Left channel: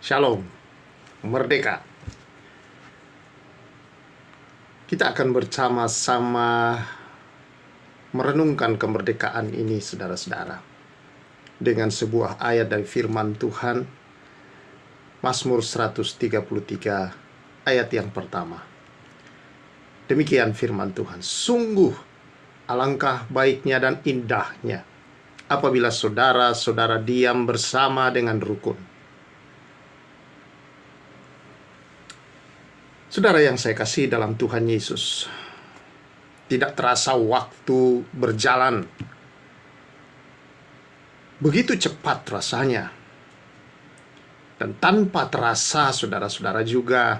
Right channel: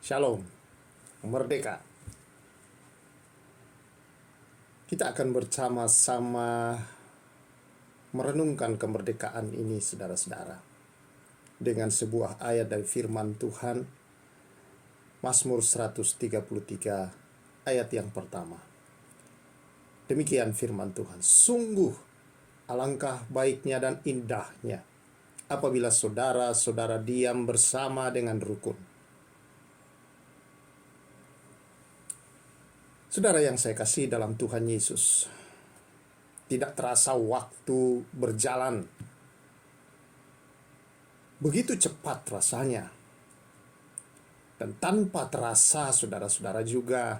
Shalom, merdeka. Kita akan bersama-sama merenungkan kemerdekaan ini, saudara-saudara, dengan sebuah ayat dari firman Tuhan, Mazmur 133 ayat yang pertama. Demikian firman Tuhan, sungguh alangkah baiknya dan indahnya apabila saudara-saudara diam bersama dengan rukun. Saudara yang saya kasih dalam Tuhan Yesus, tidak terasa waktu berjalan. Begitu cepat rasanya. Dan tanpa terasa, saudara-saudara, juga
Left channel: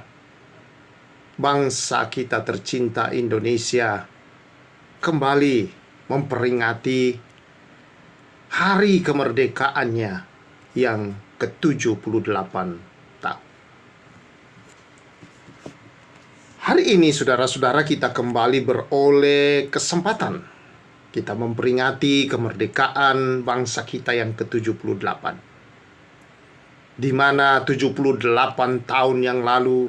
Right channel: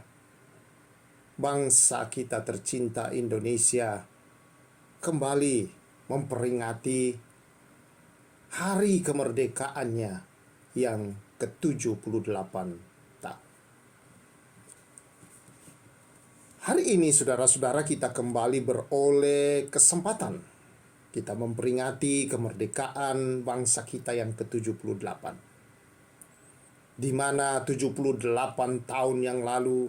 bangsa kita tercinta Indonesia kembali memperingati hari kemerdekaannya yang ke-78 tahun. Hari ini, saudara-saudara, kita kembali beroleh kesempatan. Kita memperingati kemerdekaan bangsa kita yang ke-78. Di mana 78 tahun yang lalu,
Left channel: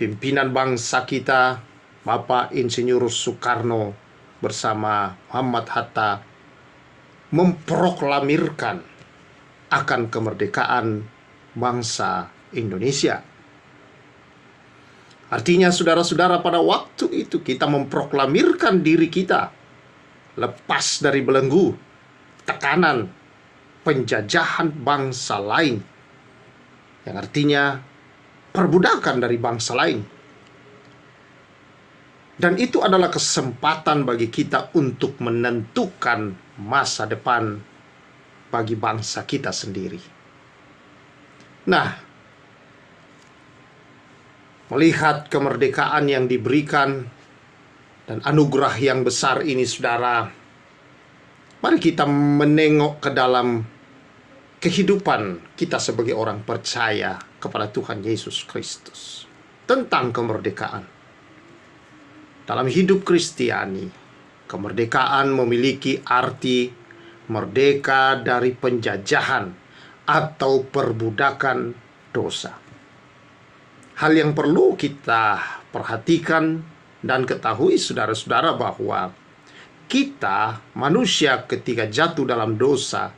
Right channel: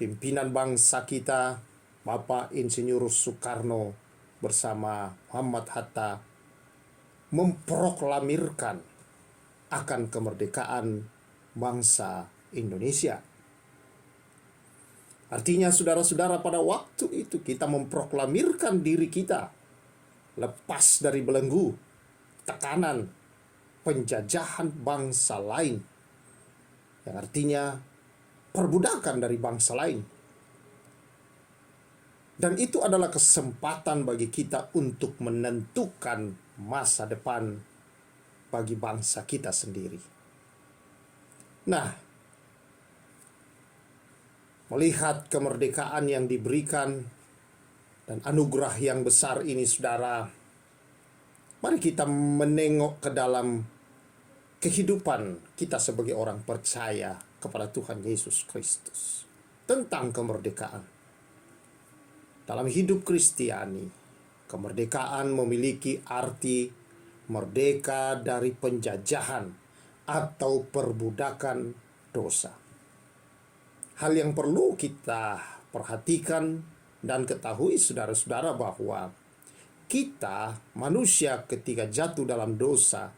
pimpinan bangsa kita, Bapak Insinyur Soekarno bersama Muhammad Hatta, memproklamirkan akan kemerdekaan bangsa Indonesia. Artinya, saudara-saudara, pada waktu itu kita memproklamirkan diri kita lepas dari belenggu tekanan penjajahan bangsa lain, yang artinya perbudakan dari bangsa lain. Dan itu adalah kesempatan bagi kita untuk menentukan masa depan bagi bangsa kita sendiri. Nah, melihat kemerdekaan yang diberikan dan anugerah yang besar ini, saudara, mari kita menengok ke dalam kehidupan kita sebagai orang percaya kepada Tuhan Yesus Kristus tentang kemerdekaan. Dalam hidup Kristiani, kemerdekaan memiliki arti merdeka dari penjajahan atau perbudakan dosa. Hal yang perlu kita perhatikan dan ketahui, saudara-saudara, bahwa kita manusia ketika jatuh dalam dosa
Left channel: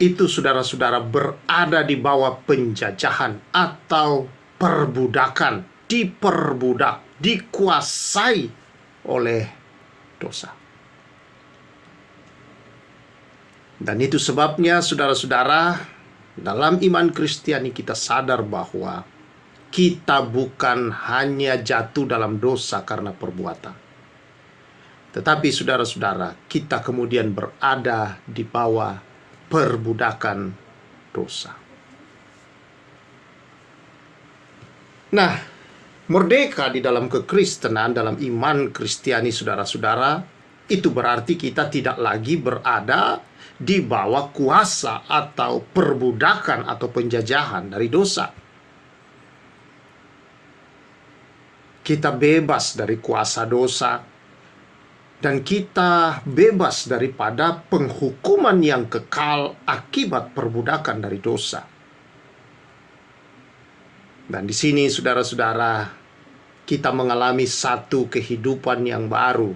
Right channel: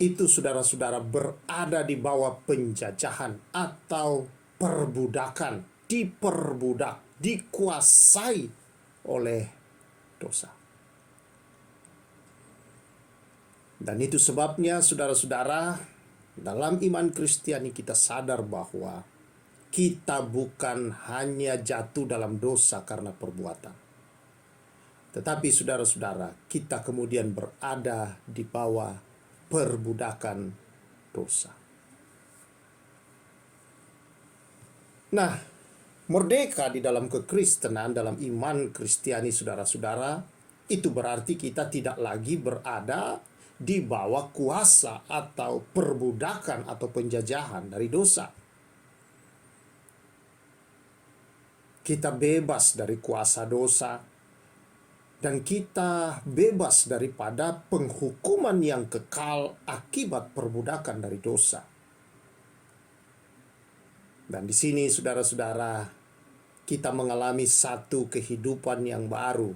itu, saudara-saudara, berada di bawah penjajahan atau perbudakan, diperbudak, dikuasai oleh dosa. Dan itu sebabnya, saudara-saudara, dalam iman Kristiani kita sadar bahwa kita bukan hanya jatuh dalam dosa karena perbuatan, tetapi, saudara-saudara, kita kemudian berada di bawah perbudakan dosa. Nah, merdeka di dalam kekristenan, dalam iman Kristiani, saudara-saudara, itu berarti kita tidak lagi berada di bawah kuasa atau perbudakan atau penjajahan dari dosa. Kita bebas dari kuasa dosa, dan kita bebas daripada penghukuman yang kekal akibat perbudakan dari dosa. Dan di sini, saudara-saudara, kita mengalami satu kehidupan yang baru,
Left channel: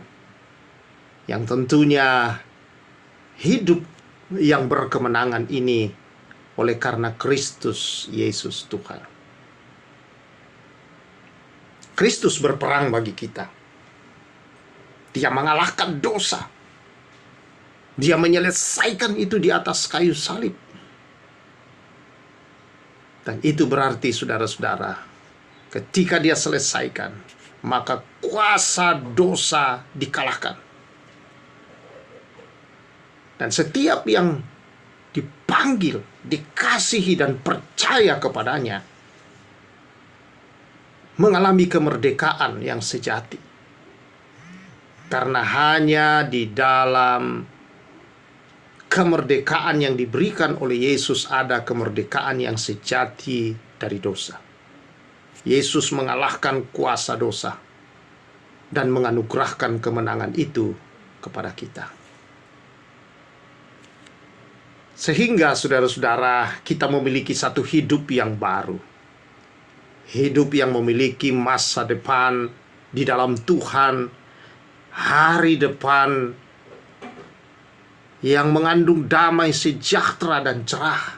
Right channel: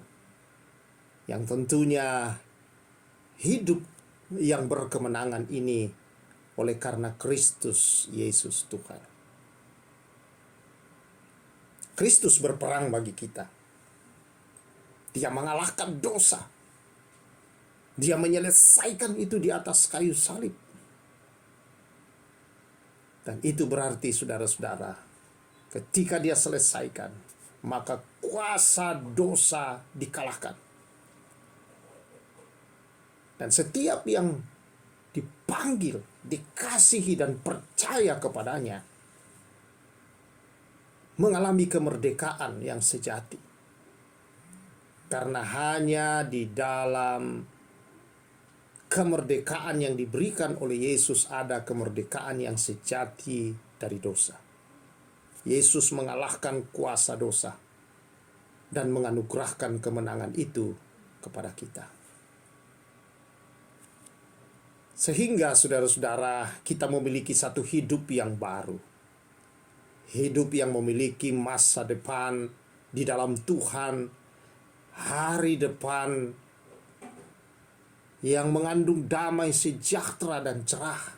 yang tentunya hidup yang berkemenangan ini oleh karena Kristus Yesus Tuhan. Kristus berperang bagi kita. Dia mengalahkan dosa. Dia menyelesaikan itu di atas kayu salib. Dan itu berarti, saudara-saudara, ketika dia selesaikan, maka kuasa dosa dikalahkan. Dan setiap yang dipanggil, dikasihi, dan percaya kepadanya mengalami kemerdekaan yang sejati. Karena hanya di dalam kemerdekaan yang diberikan oleh Yesus ada kemerdekaan yang sejati dari dosa. Yesus mengalahkan kuasa dosa dan menganugerahkan kemenangan itu kepada kita. Sehingga saudara-saudara, kita memiliki satu hidup yang baru. Hidup yang memiliki masa depan di dalam Tuhan, hari depan yang mengandung damai, sejahtera, dan cerah.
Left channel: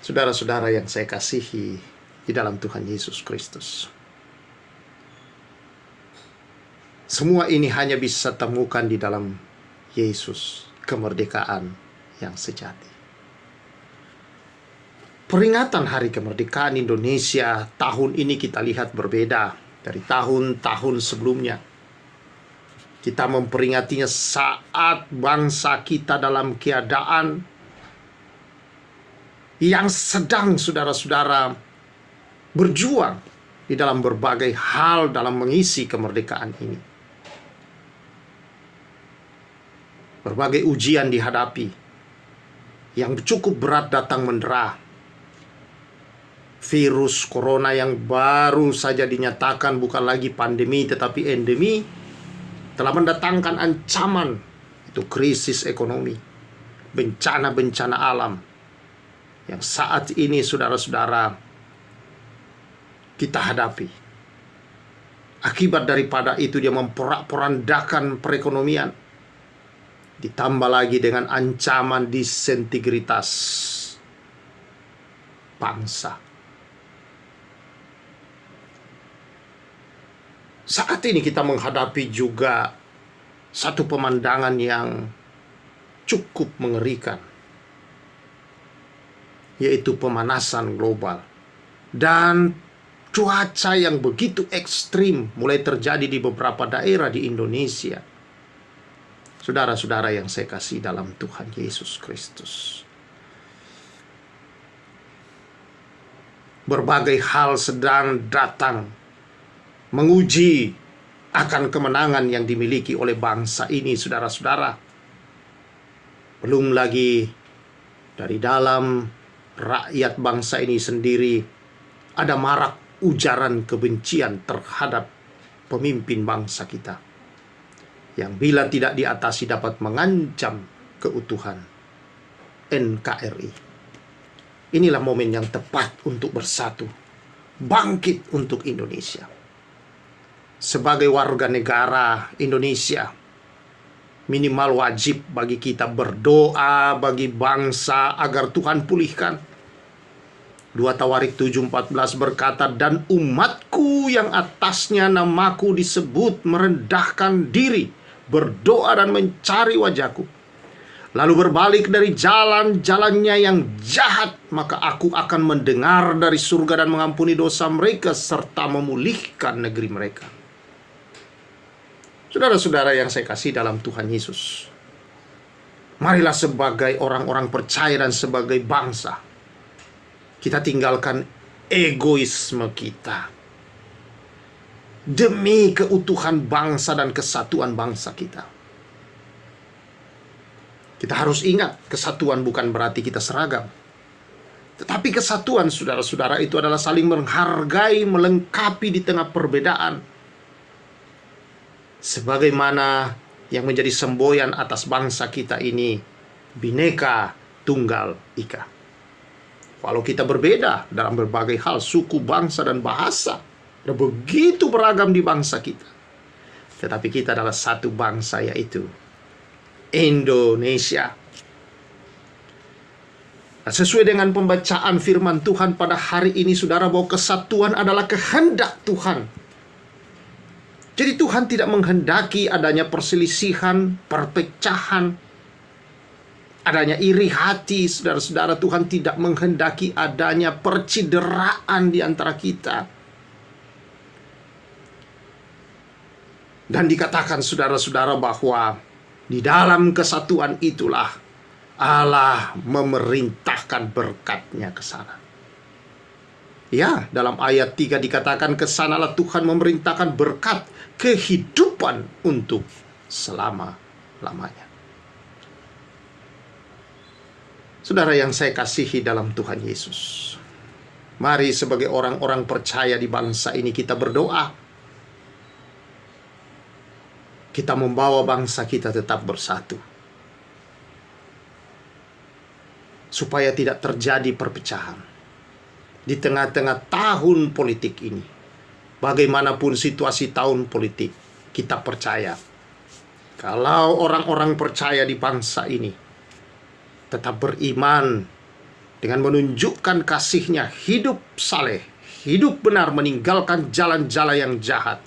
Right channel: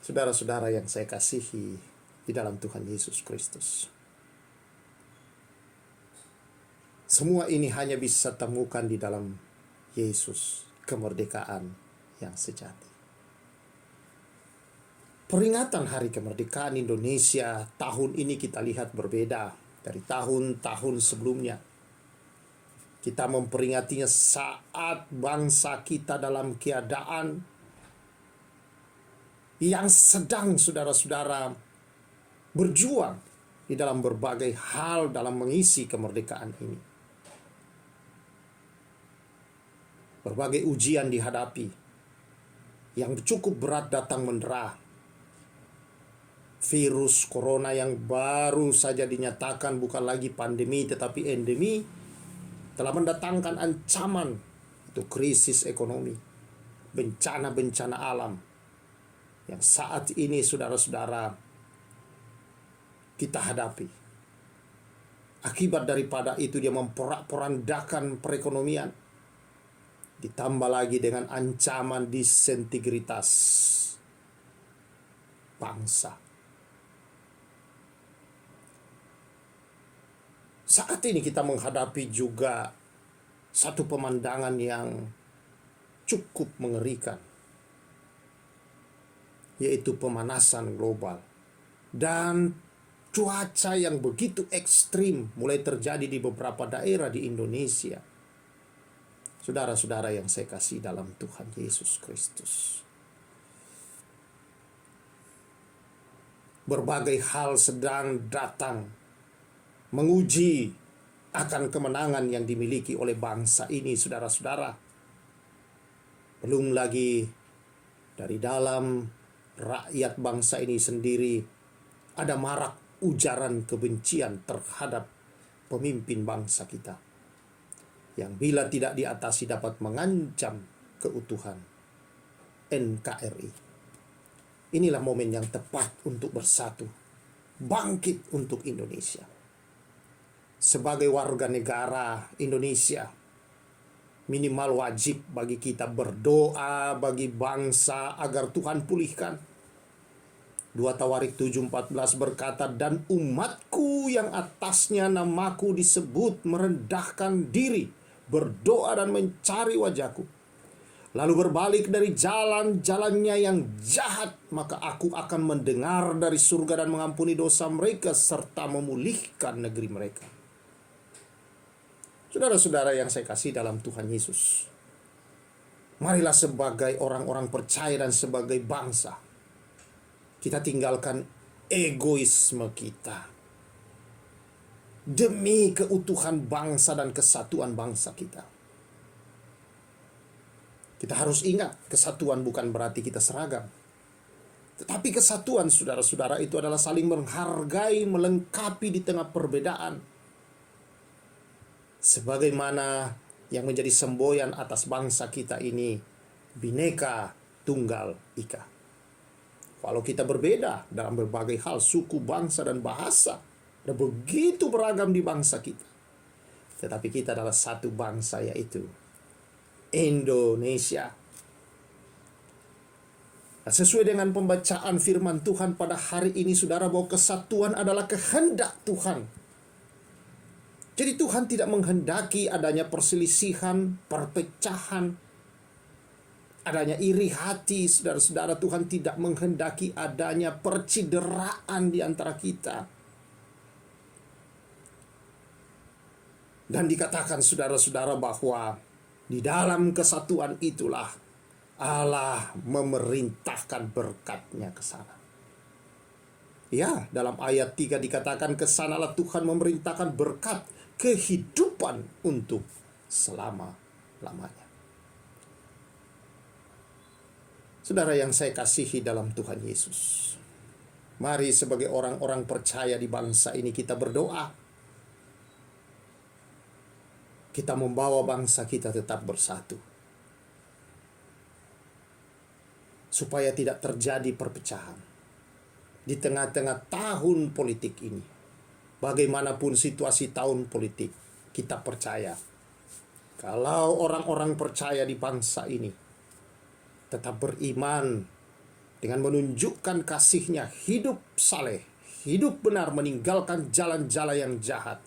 Saudara-saudara yang saya kasihi di dalam Tuhan Yesus Kristus, semua ini hanya bisa temukan di dalam Yesus, kemerdekaan yang sejati. Peringatan Hari Kemerdekaan Indonesia tahun ini kita lihat berbeda dari tahun-tahun sebelumnya. Kita memperingatinya saat bangsa kita dalam keadaan yang sedang saudara-saudara berjuang di dalam berbagai hal dalam mengisi kemerdekaan ini. Berbagai ujian dihadapi, yang cukup berat datang mendera. Virus corona yang baru saja dinyatakan bukan lagi pandemi tetapi endemi telah mendatangkan ancaman, itu krisis ekonomi, bencana-bencana alam yang saat ini saudara-saudara kita hadapi. Akibat daripada itu dia memporak-porandakan perekonomian, ditambah lagi dengan ancaman disintegritas bangsa. Saat ini kita menghadapi juga satu pemandangan yang cukup mengerikan, yaitu pemanasan global dan cuaca yang begitu ekstrim mulai terjadi di beberapa daerah di Indonesia. Saudara-saudara yang saya kasih dalam Tuhan Yesus Kristus, berbagai hal sedang datang menguji akan kemenangan yang dimiliki oleh bangsa ini, saudara-saudara. Belum lagi dari dalam rakyat bangsa ini sendiri ada marak ujaran kebencian terhadap pemimpin bangsa kita, yang bila tidak diatasi dapat mengancam keutuhan NKRI. Inilah momen yang tepat untuk bersatu, bangkit untuk Indonesia. Sebagai warga negara Indonesia, minimal wajib bagi kita berdoa bagi bangsa agar Tuhan pulihkan. 2 Tawarik 7:14 berkata, "Dan umatku yang atasnya namaku disebut merendahkan diri, berdoa dan mencari wajahku, lalu berbalik dari jalan-jalannya yang jahat, maka aku akan mendengar dari surga dan mengampuni dosa mereka serta memulihkan negeri mereka." Saudara-saudara yang saya kasih dalam Tuhan Yesus, marilah sebagai orang-orang percaya dan sebagai bangsa, kita tinggalkan egoisme kita demi keutuhan bangsa dan kesatuan bangsa kita. Kita harus ingat, kesatuan bukan berarti kita seragam. Tetapi kesatuan, saudara-saudara, itu adalah saling menghargai, melengkapi di tengah perbedaan. Sebagaimana yang menjadi semboyan atas bangsa kita ini, Bhinneka Tunggal Ika. Walau kita berbeda dalam berbagai hal, suku, bangsa, dan bahasa, dan begitu beragam di bangsa kita, tetapi kita adalah satu bangsa, yaitu Indonesia. Nah, sesuai dengan pembacaan firman Tuhan pada hari ini, saudara, bahwa kesatuan adalah kehendak Tuhan. Jadi Tuhan tidak menghendaki adanya perselisihan, perpecahan, adanya iri hati, saudara-saudara. Tuhan tidak menghendaki adanya percideraan di antara kita. Dan dikatakan, saudara-saudara, bahwa di dalam kesatuan itulah Allah memerintahkan berkat-Nya ke sana. Ya, dalam ayat 3 dikatakan, kesanalah Tuhan memerintahkan berkat kehidupan untuk selama-lamanya. Saudara yang saya kasihi dalam Tuhan Yesus, mari sebagai orang-orang percaya di bangsa ini kita berdoa. Kita membawa bangsa kita tetap bersatu. supaya tidak terjadi perpecahan di tengah-tengah tahun politik ini. Bagaimanapun situasi tahun politik, kita percaya kalau orang-orang percaya di bangsa ini tetap beriman dengan menunjukkan kasihnya, hidup saleh, hidup benar, meninggalkan jalan-jalan yang jahat,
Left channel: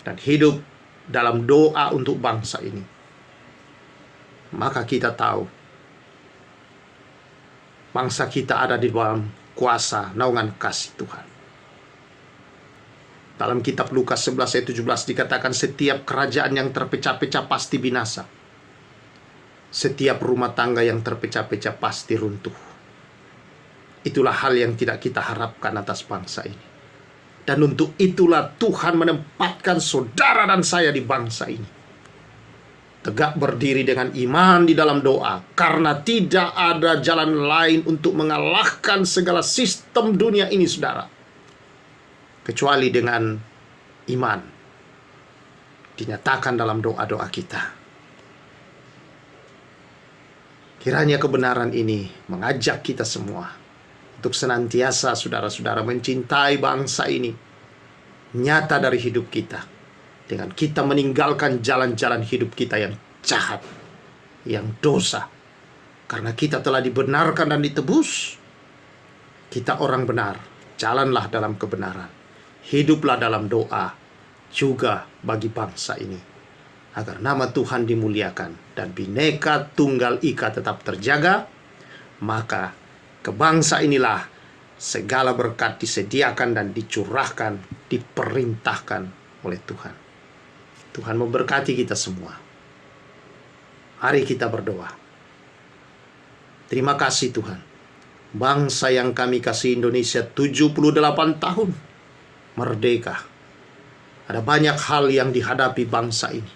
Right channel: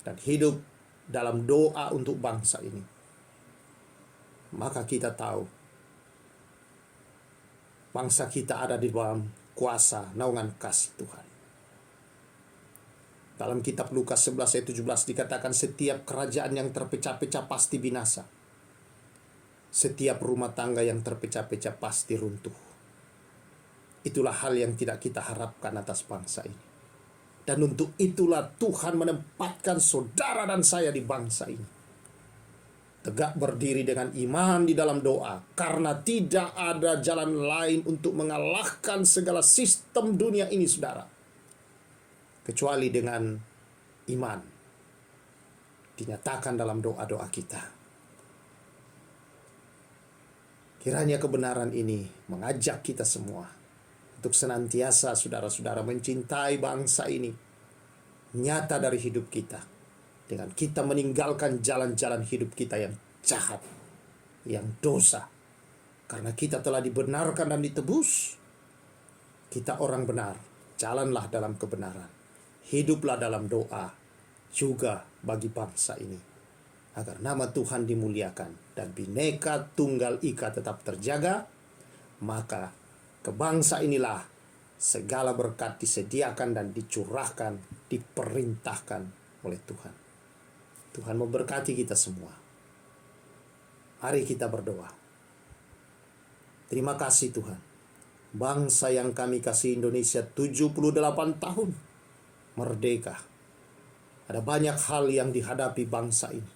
dan hidup dalam doa untuk bangsa ini, maka kita tahu bangsa kita ada di dalam kuasa naungan kasih Tuhan. Dalam kitab Lukas 11 ayat 17 dikatakan, setiap kerajaan yang terpecah-pecah pasti binasa. Setiap rumah tangga yang terpecah-pecah pasti runtuh. Itulah hal yang tidak kita harapkan atas bangsa ini. Dan untuk itulah Tuhan menempatkan saudara dan saya di bangsa ini. Tegak berdiri dengan iman di dalam doa, karena tidak ada jalan lain untuk mengalahkan segala sistem dunia ini, saudara, kecuali dengan iman dinyatakan dalam doa-doa kita. Kiranya kebenaran ini mengajak kita semua untuk senantiasa, saudara-saudara, mencintai bangsa ini nyata dari hidup kita, dengan kita meninggalkan jalan-jalan hidup kita yang jahat, yang dosa. Karena kita telah dibenarkan dan ditebus, kita orang benar, jalanlah dalam kebenaran, hiduplah dalam doa juga bagi bangsa ini, agar nama Tuhan dimuliakan dan Bhinneka Tunggal Ika tetap terjaga. Maka ke bangsa inilah segala berkat disediakan dan dicurahkan, diperintahkan oleh Tuhan. Tuhan memberkati kita semua. Mari kita berdoa. Terima kasih Tuhan. Bangsa yang kami kasih, Indonesia, 78 tahun merdeka. Ada banyak hal yang dihadapi bangsa ini,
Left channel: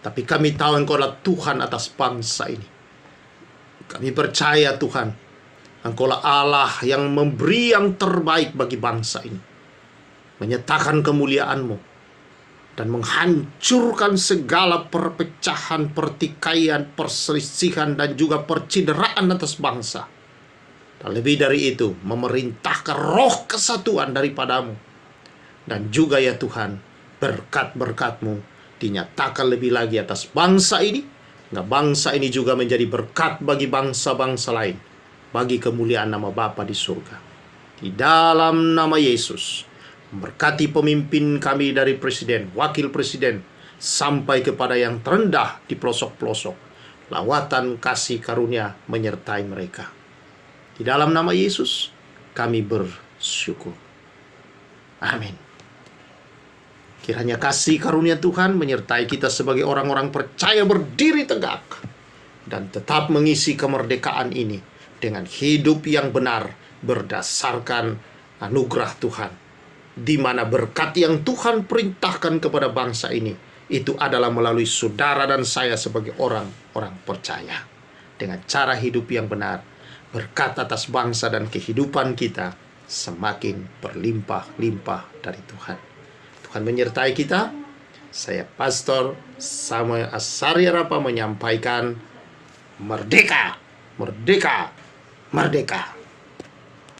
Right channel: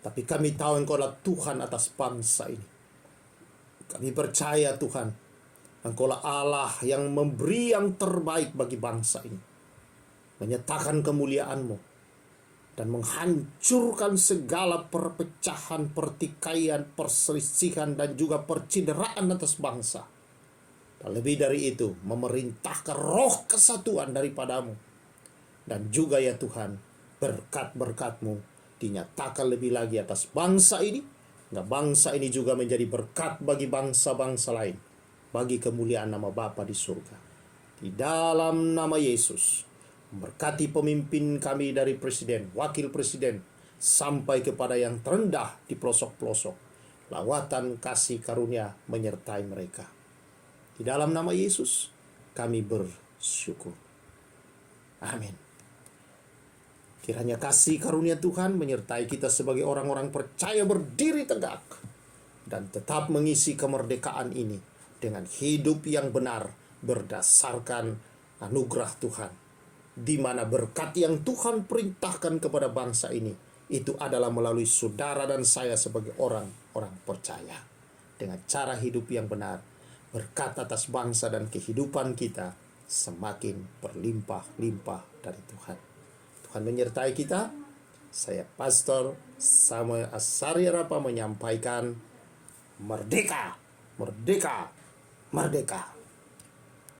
tapi kami tahu Engkau adalah Tuhan atas bangsa ini. Kami percaya Tuhan, Engkau adalah Allah yang memberi yang terbaik bagi bangsa ini, menyatakan kemuliaan-Mu, dan menghancurkan segala perpecahan, pertikaian, perselisihan, dan juga percideraan atas bangsa. Dan lebih dari itu, memerintahkan roh kesatuan daripadamu. Dan juga ya Tuhan, berkat-berkat-Mu dinyatakan lebih lagi atas bangsa ini. Nah, bangsa ini juga menjadi berkat bagi bangsa-bangsa lain, bagi kemuliaan nama Bapa di surga. Di dalam nama Yesus, berkati pemimpin kami dari presiden, wakil presiden, sampai kepada yang terendah di pelosok-pelosok. Lawatan kasih karunia menyertai mereka. Di dalam nama Yesus, kami bersyukur. Amin. Kiranya kasih karunia Tuhan menyertai kita sebagai orang-orang percaya berdiri tegak dan tetap mengisi kemerdekaan ini dengan hidup yang benar berdasarkan anugerah Tuhan, di mana berkat yang Tuhan perintahkan kepada bangsa ini itu adalah melalui saudara dan saya sebagai orang-orang percaya. Dengan cara hidup yang benar, berkat atas bangsa dan kehidupan kita semakin berlimpah-limpah dari Tuhan. Tuhan menyertai kita. Saya Pastor Samuel Asaryarapa menyampaikan, merdeka, merdeka, merdeka.